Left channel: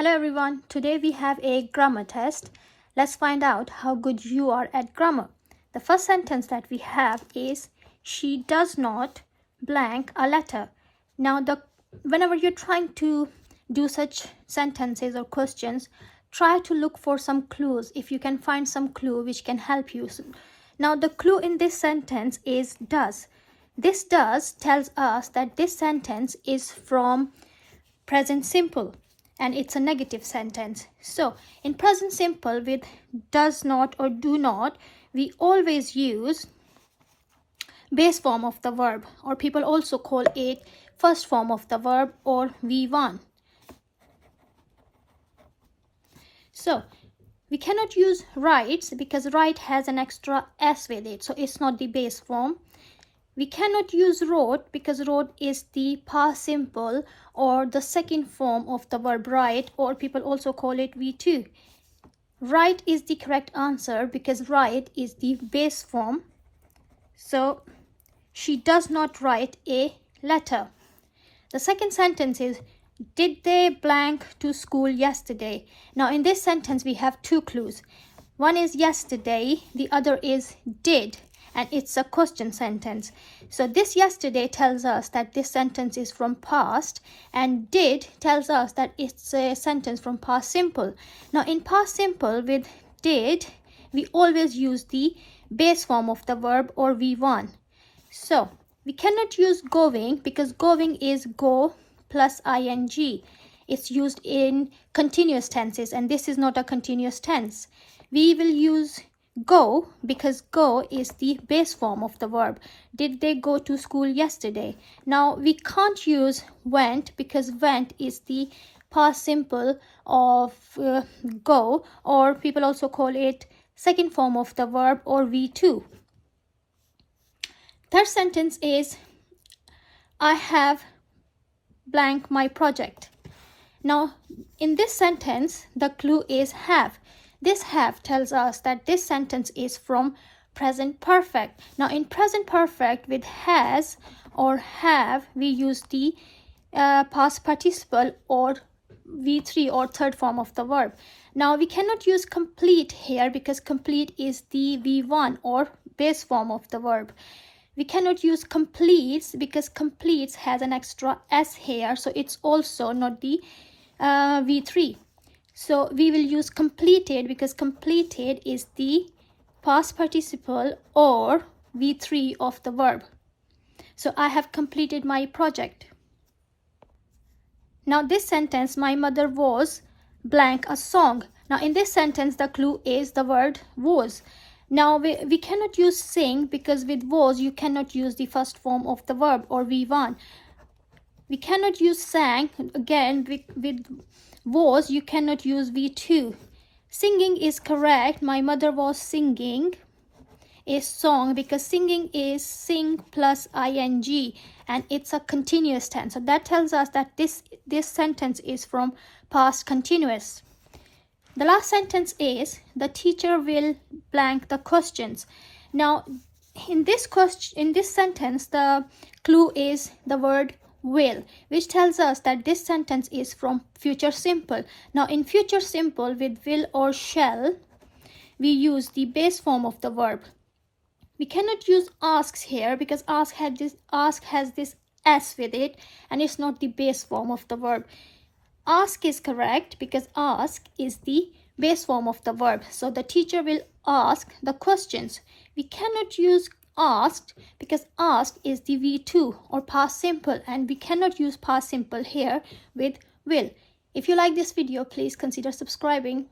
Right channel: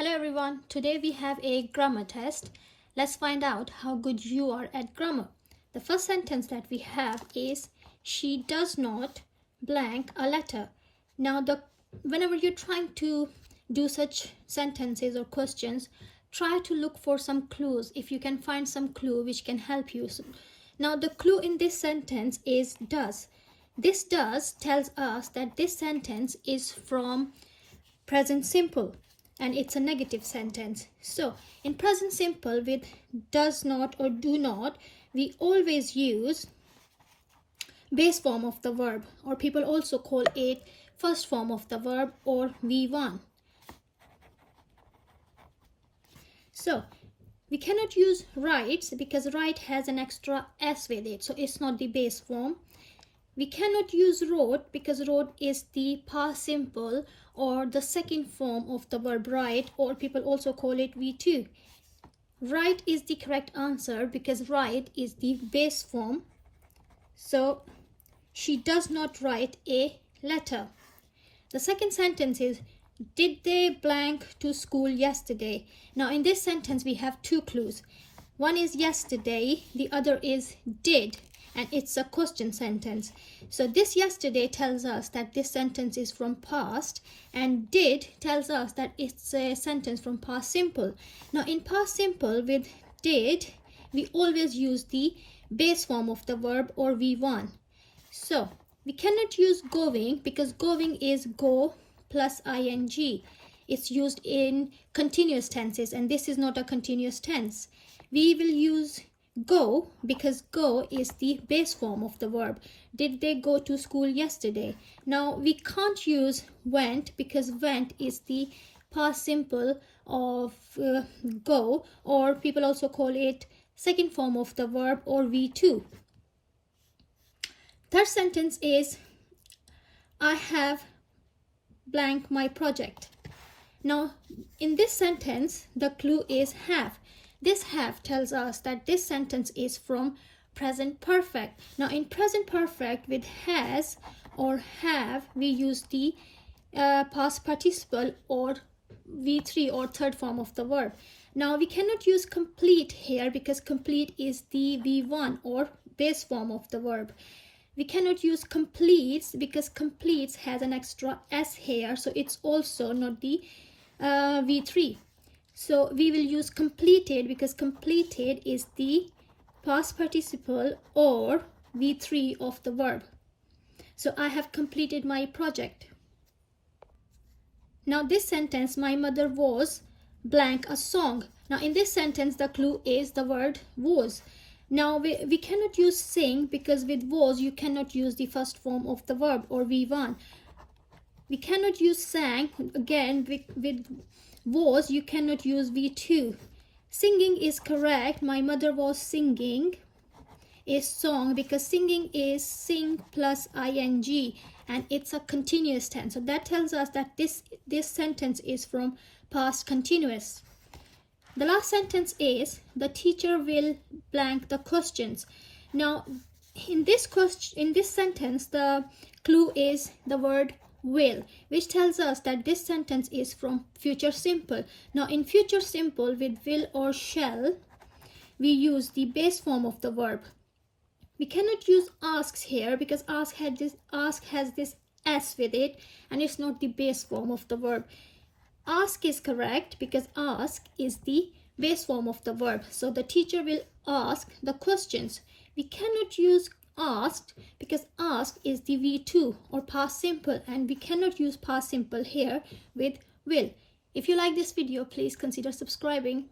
Hello everyone, today we have a grammar test. Let's find out how good you are at grammar. The first sentence that we have is, she does not blank a letter. Now whenever you're trying to do such sentences or questions, try to look for some clues if you can find some clue which can help you. Now the clue in this sentence is does. This does tells us that this sentence is from present simple and it's a negative sentence. So in present simple with does not or do not, we always use base form of the verb, or people also call it first form of the verb, or V1. So we cannot use writes because write has an extra s with it, so it's not the base form. We cannot use wrote because wrote is the past simple or the second form of the verb write, or people also call it V2. Write is the correct answer because write is the base form. So she does not write a letter. The second sentence is, did they blank to school yesterday? Now in this sentence we have two clues. One is yesterday, the other is did, and it's a question sentence. So this yesterday tells us that this sentence is from past, and did tells us that it's a sentence from past simple. Now in past simple with did, we always use the base form of the verb, or V1. So we cannot use going because going is go plus ing. It's used in continuous tenses and this is not a continuous tense. We will use go because go is the base form of the verb. Did they go to school yesterday? Now we can't use went because went is the past simple of go, or people also call it second form of the verb, or V2. Third sentence is, I have blank my project. Now in this sentence the clue is have. This have tells us that this sentence is from present perfect. Now in present perfect with has or have, we use the past participle or V3 or third form of the verb. Now we cannot use complete here because complete is the V1 or base form of the verb. We cannot use completes because completes has an extra s here, so it's also not the V3. So we will use completed because completed is the past participle or V3 of the verb. So I have completed my project. Now this sentence, my mother was blank a song. Now in this sentence the clue is the word was. Now we cannot use sing because with was you cannot use the first form of the verb, or V1. We cannot use sang, again with was you cannot use V2. Singing is correct. My mother was singing a song because singing is sing plus ing and it's a continuous tense. So that tells us that this sentence is from past continuous. The last sentence is, the teacher will blank the questions. Now in this sentence the clue is the word will, which tells us that this sentence is from future simple. Now in future simple with will or shall, we use the base form of the verb. We cannot use asks here because ask has this s with it and it's not the base form of the verb. Ask is correct because ask is the base form of the verb. So the teacher will ask the questions. We cannot use asked because ask is the V2 or past simple, and we cannot use past simple here with will. If you like this video, please consider subscribing.